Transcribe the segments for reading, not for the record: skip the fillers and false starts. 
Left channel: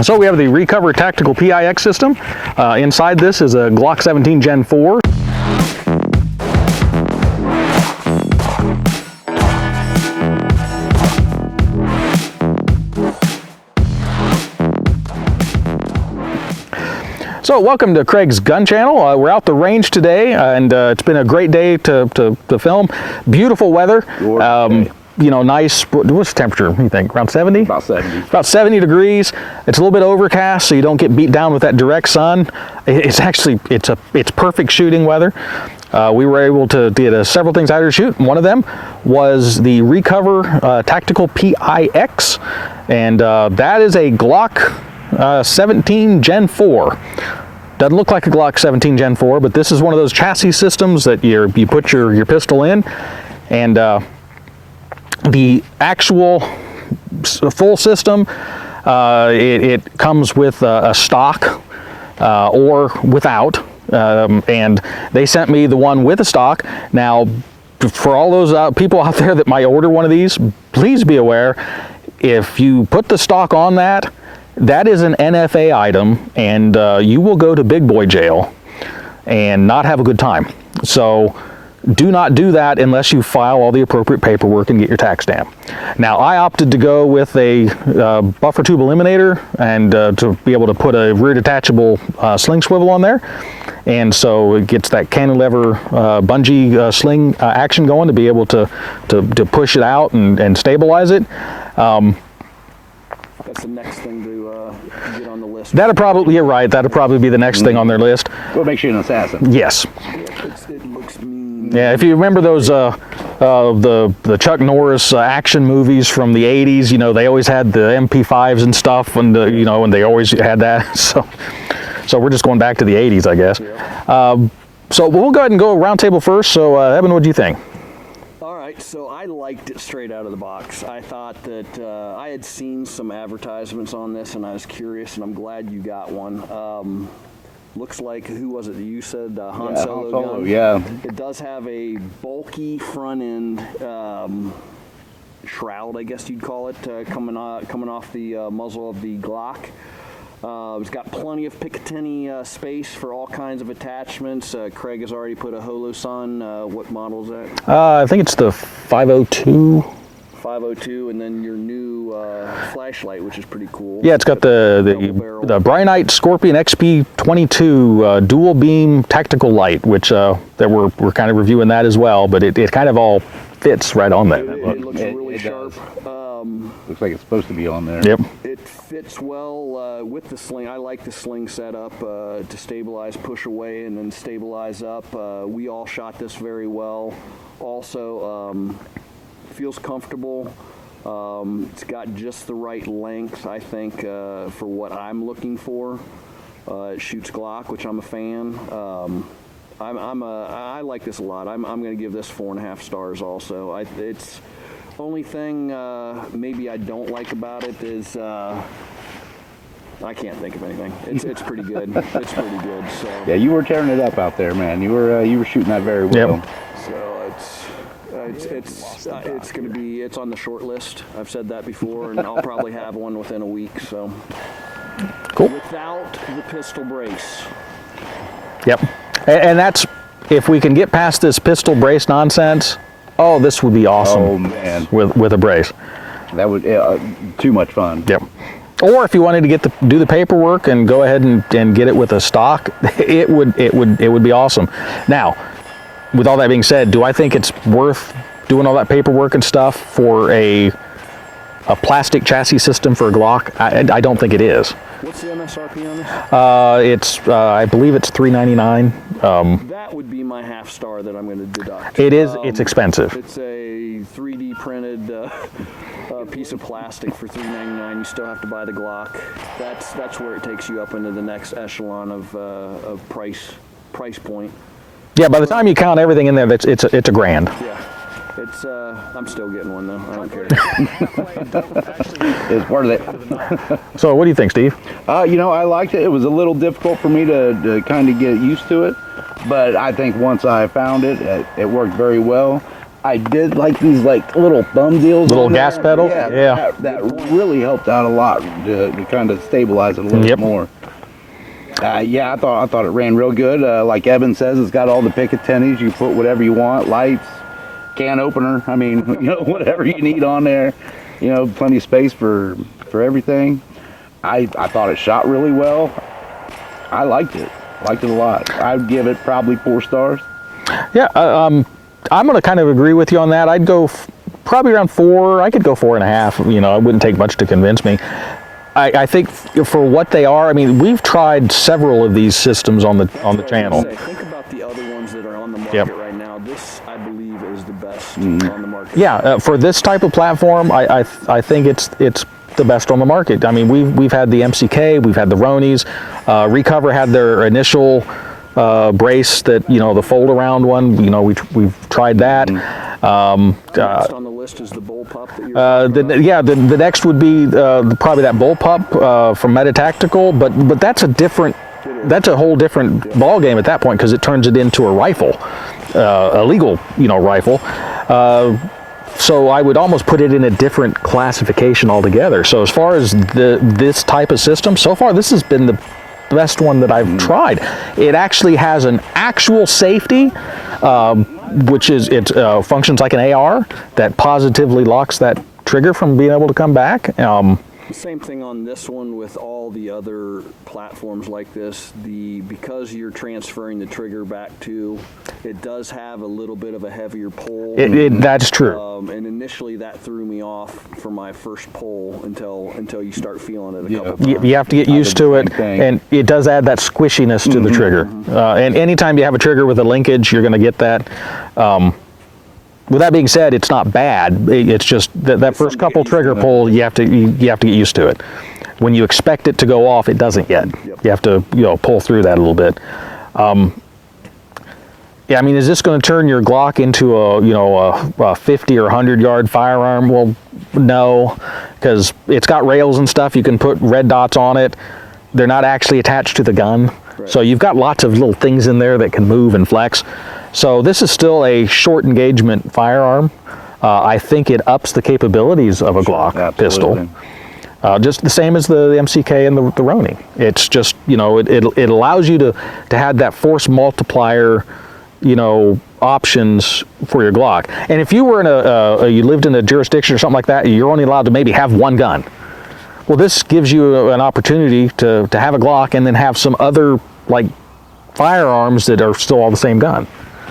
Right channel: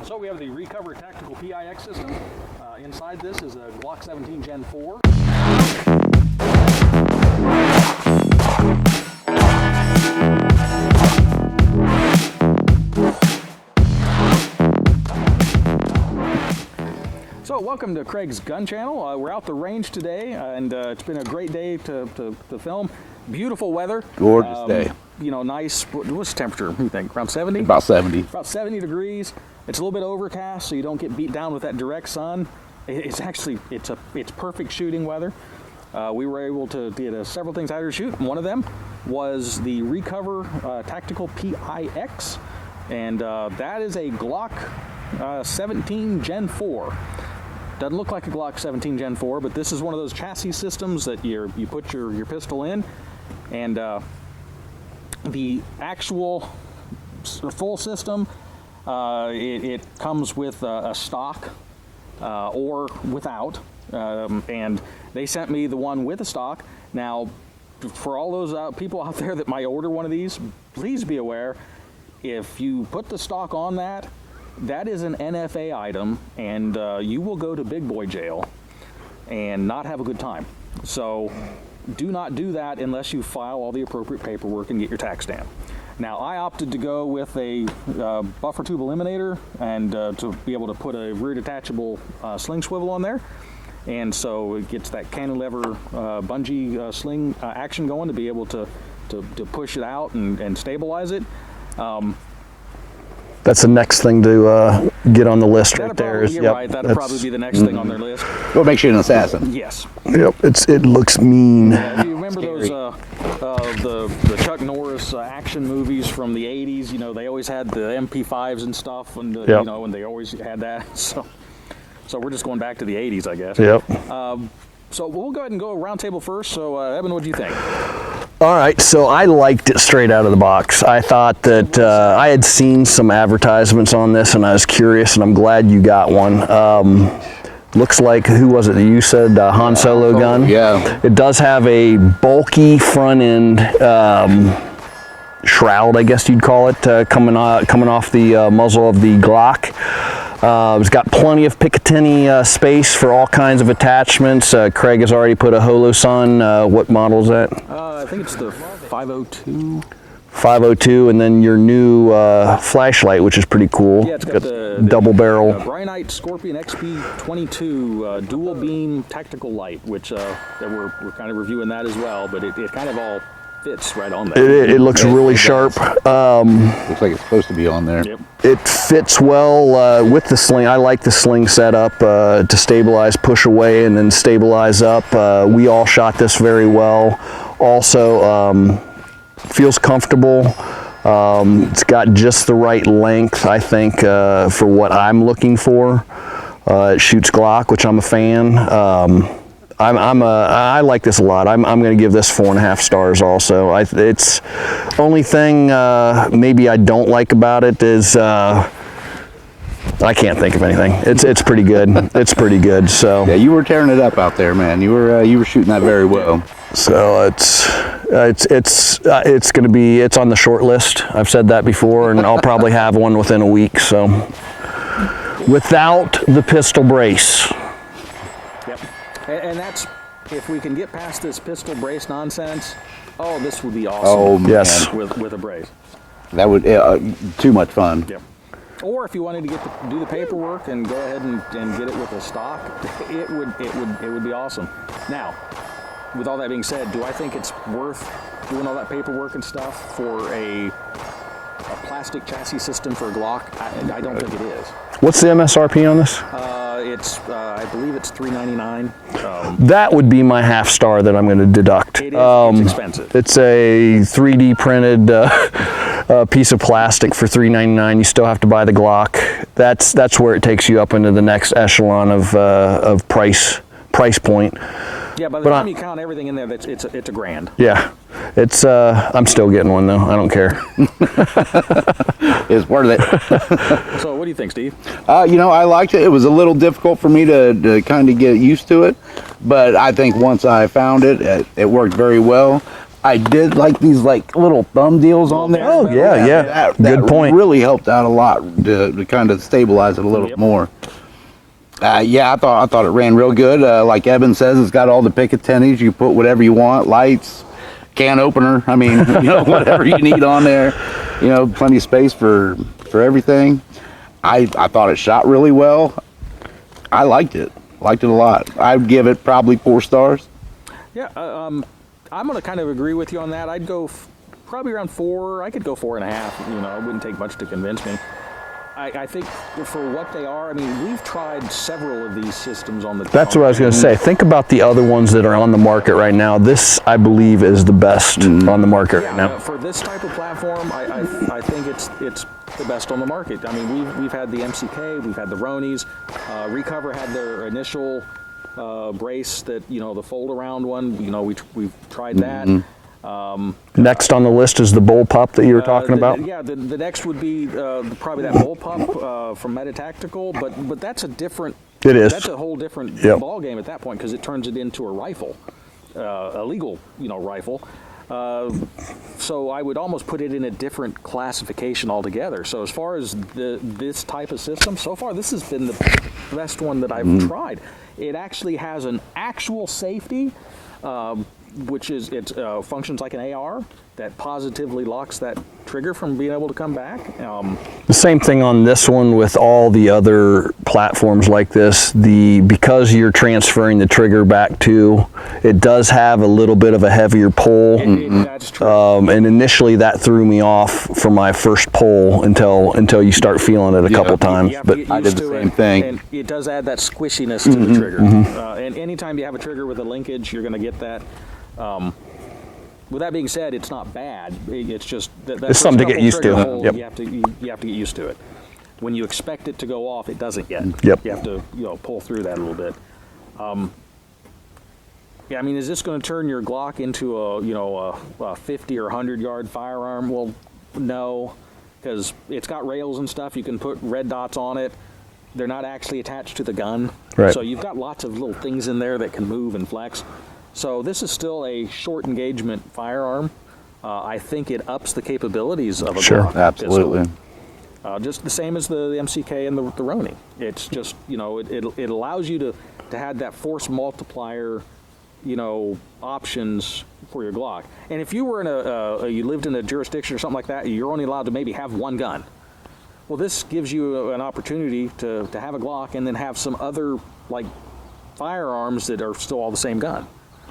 So we have the Recover Tactical PIX system. Inside this is a Glock 17 Gen 4. So welcome to Craig's Gun Channel. We're out the range today, and it's been a great day to film. Beautiful weather. You know, nice. What's the temperature? What do you think? Around 70? About 70. About 70 degrees. It's a little bit overcast, so you don't get beat down with that direct sun. It's actually it's perfect shooting weather. We were able to get several things out of shoot. One of them was the Recover Tactical PIX, and that is a Glock 17 Gen 4. Doesn't look like a Glock 17 Gen 4, but this is one of those chassis systems that you put your pistol in, and the actual full system, it comes with a stock or without, and they sent me the one with a stock. Now, for all those people out there that might order one of these, please be aware, if you put the stock on that, that is an NFA item, and you will go to big boy jail and not have a good time. So do not do that unless you file all the appropriate paperwork and get your tax stamp. Now, I opted to go with a buffer tube eliminator and to be able to put a rear detachable sling swivel on there. And so it gets that cantilever bungee sling action going to be able to push it out and stabilize it. That's the next thing to get on the list. That'll probably, you're right, that'll probably be the next thing on their list. What makes you an assassin? Yes. Yep, it looks mean. Yeah, if you remember those, the Chuck Norris action movies from the 80s, you know, they always had the MP5s and stuff, and, you know, and they always had that. So we're just going back to the 80s, I guess. Yep. So we'll go ahead and go round table first. So, Evan, what do you think? All right, so I liked it straight out of the box. I thought that I had seen some advertisements on this, and I was curious, and I'm glad you got one. Looks like, who was it that you said, Han Solo gun? Yeah. It does have a bulky front end shroud, I guess you'd call it, coming off the muzzle of the Glock. It's got plenty of Picatinny space for all kinds of attachments. Craig has already put a Holosun. What model is that? I think it's the 502. 502, and then your new flashlight, which is pretty cool. Yeah, it's got the double barrel. The Brynite Scorpion XP22 dual beam tactical light, which that we're kind of reviewing that as well, but it kind of all fits right on there. It looks really sharp. Looks like it's supposed to be on there. Yep. It fits well with the sling. I like the sling setup to stabilize, push away, and then stabilize up. We all shot this very well. Also, feels comfortable. It's got just the right length, I think, for what I'm looking for. It shoots Glock, which I'm a fan. I like this a lot. I'm going to give this 4.5 stars also. It's only thing maybe I don't like about it is I can't think of anything. It's pretty good. It's pretty good. So yeah, you were tearing it up out there, man. You were shooting that very well. Yep. So it's going to be, it's on the short list. I've said that before, and I'll probably have one within a week. So cool. Without the pistol brace. Yep. And that's, if we can get past this pistol brace nonsense, oh, this would be awesome. Oh, man. Yes, with a brace. That would, too much fun. Yep. Or if you wanted to do the paperwork and go ahead and get it with a stock, it would be awesome. Now, with all that being said, do I think it's worth doing all that paperwork and stuff for a plastic chassis system for a Glock? I don't think it is. What's the MSRP on this? I believe it's $399. That would be my half star that I'm going to deduct. It is. It's expensive. It's a 3D printed piece of plastic for $399. You still have to buy the Glock. That's where it takes you up into the next echelon of price point. Yeah, by the time you count everything in there, it's a grand. Yeah. It's I'm still getting one though. I don't care. It's worth it. So what do you think, Steve? You know, I liked it. It was a little difficult for me to kind of get used to it, but I think once I found it, it worked very well. I did like these like little thumb deals Little on there. gas pedal? Yeah. That Good point. really helped out a lot to kind of stabilize it a little Yep. more. Yeah, I thought it ran real good. Like Evan says, it's got all the Picatinnies. You put whatever you want, lights, can opener. I mean, whatever you need on there. Plenty of space for everything. I thought it shot really well. I liked it a lot. I'd give it probably 4 stars. Yeah, I'm going to kind of agree with you on that. I'd go probably around 4. I could go 4.5. It wouldn't take much to convince me. I think for what they are, I mean, we've tried several of these systems on the That's on what I the was going to channel. say. Think about the other ones that are on the market Yep. right now. This, I believe, is the best on the market. Yeah, right now. for this type of platform, I think it's the best on the market. I mean, we've had the MCK, we've had the Ronies. Recover had their initial brace that the fold around one. We've tried that. Next on the list is the bullpup that you were talking about. Yeah, the next would be probably that bullpup from Meta Tactical, but that's a different. It is. That's a whole different ball game at that point because it turns it into a rifle, a legal rifle. So I would almost put it in a different classification altogether. So as far as this type of system, so far this has been the best one that I've tried. It actually has an actual safety, which is it functions like an AR that positively locks that trigger from being able to come back. The same thing on this one with all the other platforms like this. Because you're transferring the trigger back to, it does have a little bit of a heavier pull. That's true. And initially that threw me off for my first pull until you start feeling it a couple times. You have to get I used did to the it, same thing. and it does add that squishiness to the trigger. And anytime you have a trigger with a linkage, you're going to get that. With that being said, it's not bad. It's just that first something to get couple used trigger to. pull, Yep. you have to get used to it. When you expect it to go off, it doesn't yet. Yep. You have to pull through that a little bit. Yeah, I mean, is this going to turn your Glock into a 50 or 100 yard firearm? Well, no, because it's got rails and stuff. You can put red dots on it. They're not actually attached to the gun. Right. So you've got lots of little things in there that can move and flex. So this is still a short engagement firearm. I think it ups the capabilities of a Glock pistol. Just the same as the MCK and the Roni. It's just, it allows you to have that force multiplier, options for your Glock. And if you were in you lived in a jurisdiction or something like that, you're only allowed to maybe have one gun. Well, this gives you an opportunity to have a Glock and then have some other like firearms that are still all the same gun.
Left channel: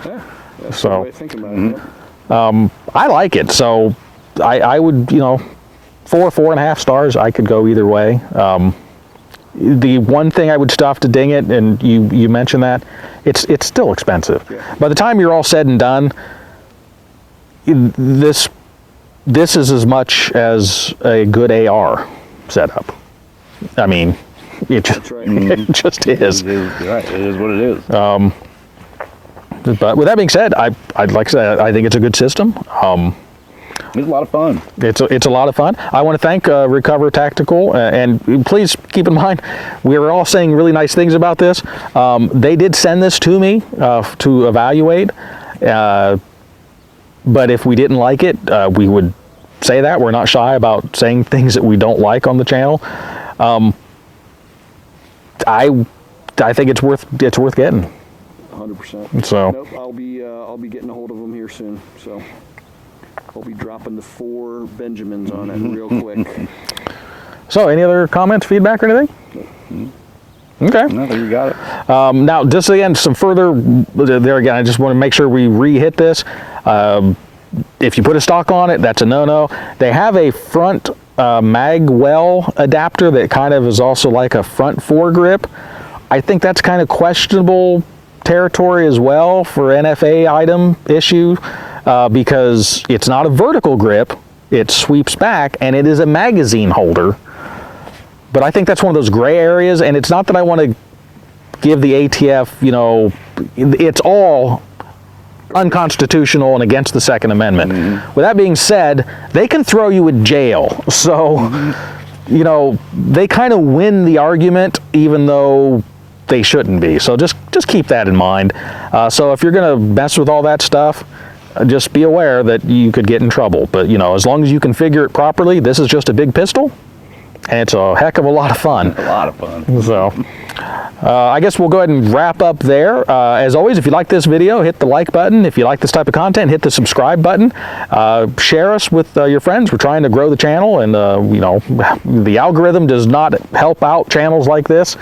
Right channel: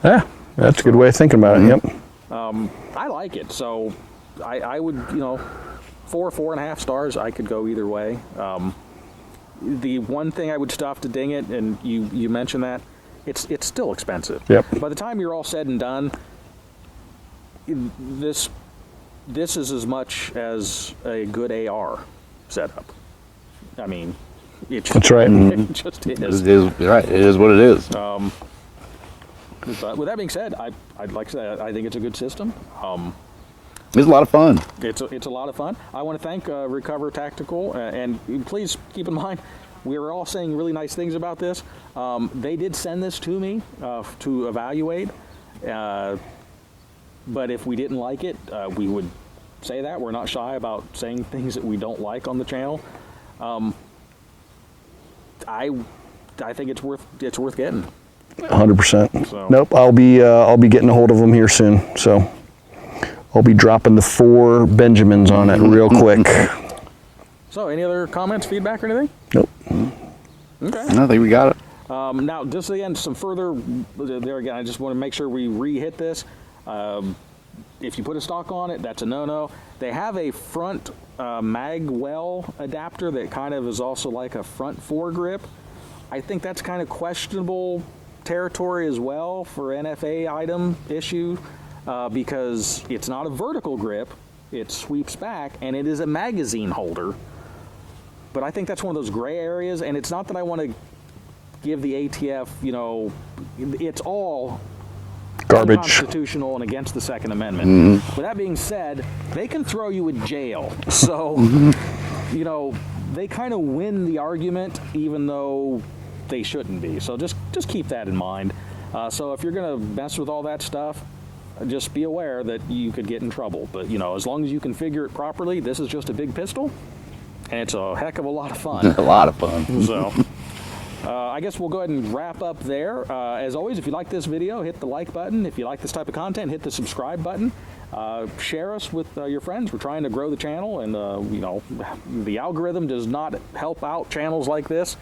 Yeah, that's a good way of thinking about it. Yep. I like it, so I would, 4.5 stars. I could go either way. The one thing I would still have to ding it, and you mentioned that, it's still expensive. Yep. By the time you're all said and done, this is as much as a good AR setup. I mean, That's right. it just is. You're right. It is what it is. But with that being said, I'd like to say I think it's a good system. It's a lot of fun. It's a lot of fun. I want to thank Recover Tactical, and please keep in mind, we are all saying really nice things about this. They did send this to me to evaluate, but if we didn't like it, we would say that. We're not shy about saying things that we don't like on the channel. I think it's worth getting. 100%. So Nope, I'll be getting a hold of them here soon. So I'll be dropping the 4 Benjamins on it real quick. So any other comments, feedback, or anything? Nope. Okay. I think we got it. Now, just again, some further, there again, I just want to make sure we re-hit this. If you put a stock on it, that's a no-no. They have a front mag well adapter that kind of is also like a front foregrip. I think that's kind of questionable territory as well for NFA item issue because it's not a vertical grip, it sweeps back, and it is a magazine holder. But I think that's one of those gray areas, and it's not that I want to give the ATF, it's all Garbage. unconstitutional and against the Second Amendment. With that being said, they can throw you in jail. So, they kind of win the argument even though they shouldn't be. So just keep that in mind. So if you're going to mess with all that stuff, just be aware that you could get in trouble. But you know, as long as you configure it properly, this is just a big pistol, and it's a heck of a lot of fun. A lot of fun. So I guess we'll go ahead and wrap up there. As always, if you like this video, hit the like button. If you like this type of content, hit the subscribe button. Share us with your friends. We're trying to grow the channel, and you know, the algorithm does not help out channels like this,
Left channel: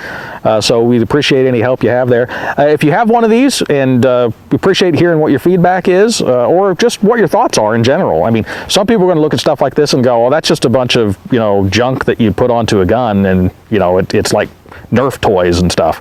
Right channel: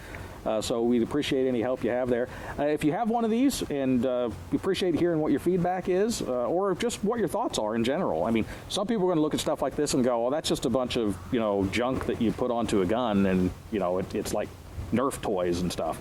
so we'd appreciate any help you have there. If you have one of these, and we appreciate hearing what your feedback is, or just what your thoughts are in general. I mean, some people are going to look at stuff like this and go, well, that's just a bunch of, you know, junk that you put onto a gun, and you know, it's like Nerf toys and stuff.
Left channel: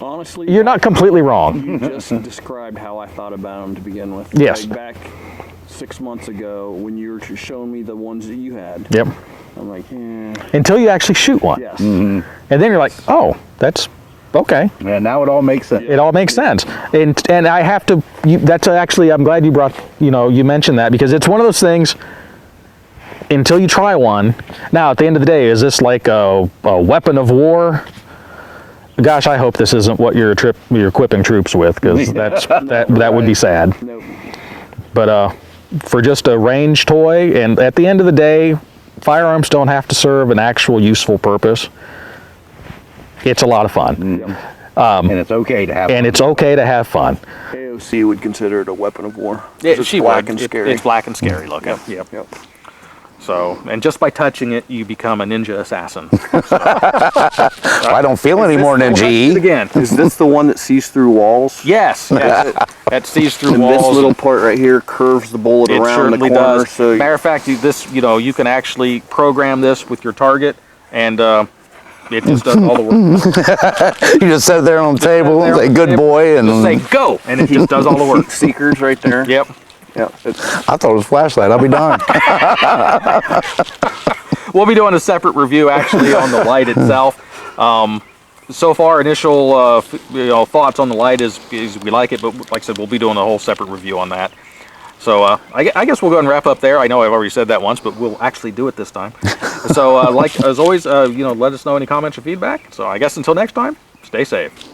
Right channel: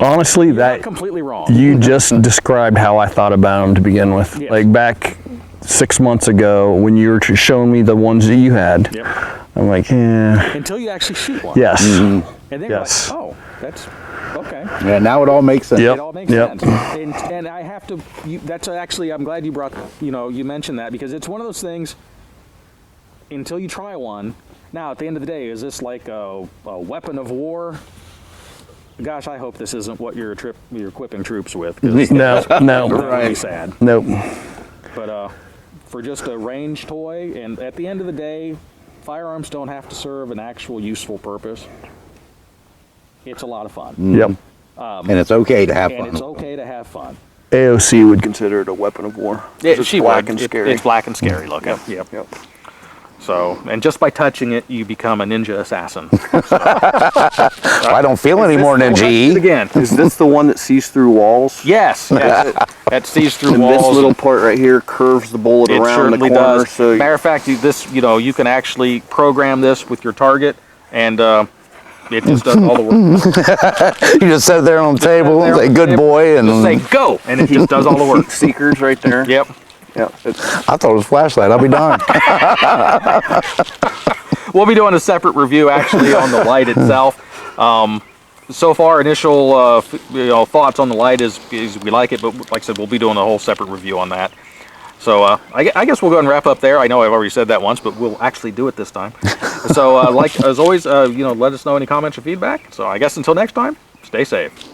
Honestly, you're not completely wrong. You just described how I thought about them to begin with. Yes. Like back 6 months ago when you were showing me the ones that you had. Yep. I'm like, yeah. Until you actually shoot one. Yes. And then you're like, oh, that's okay. Yeah, now it all makes sense. It all makes sense. And I have to, that's actually, I'm glad you brought, you know, you mentioned that, because it's one of those things, until you try one. Now, at the end of the day, is this like a weapon of war? Gosh, I hope this isn't what you're equipping troops with, because that would be sad. Nope. But for just a range toy, and at the end of the day, firearms don't have to serve an actual useful purpose. It's a lot of fun. Yep. And it's okay to have fun. And it's okay to have fun. AOC would consider it a weapon of war. It's black and scary. It's black and scary looking. Yep. So, and just by touching it, you become a ninja assassin. I don't feel any more ninja. Again, Is this the one that sees through walls? yes, that sees through And walls. this little part right here curves the bullet It around the certainly corner. does. So Matter of fact, you know, you can actually program this with your target, and it just does all the work. You just sit there on the table, there say on the good table, boy, and Just say go, and it just does all the work. seekers right there. Yep. Yeah. I thought it was a flashlight. I'll be darned. We'll be doing a separate review actually on the light itself. So far, initial you know, thoughts on the light is we like it, but like I said, we'll be doing a whole separate review on that. So I guess we'll go ahead and wrap up there. I know I've already said that once, but we'll actually do it this time. So like as always, you know, let us know any comments or feedback. So I guess until next time, stay safe.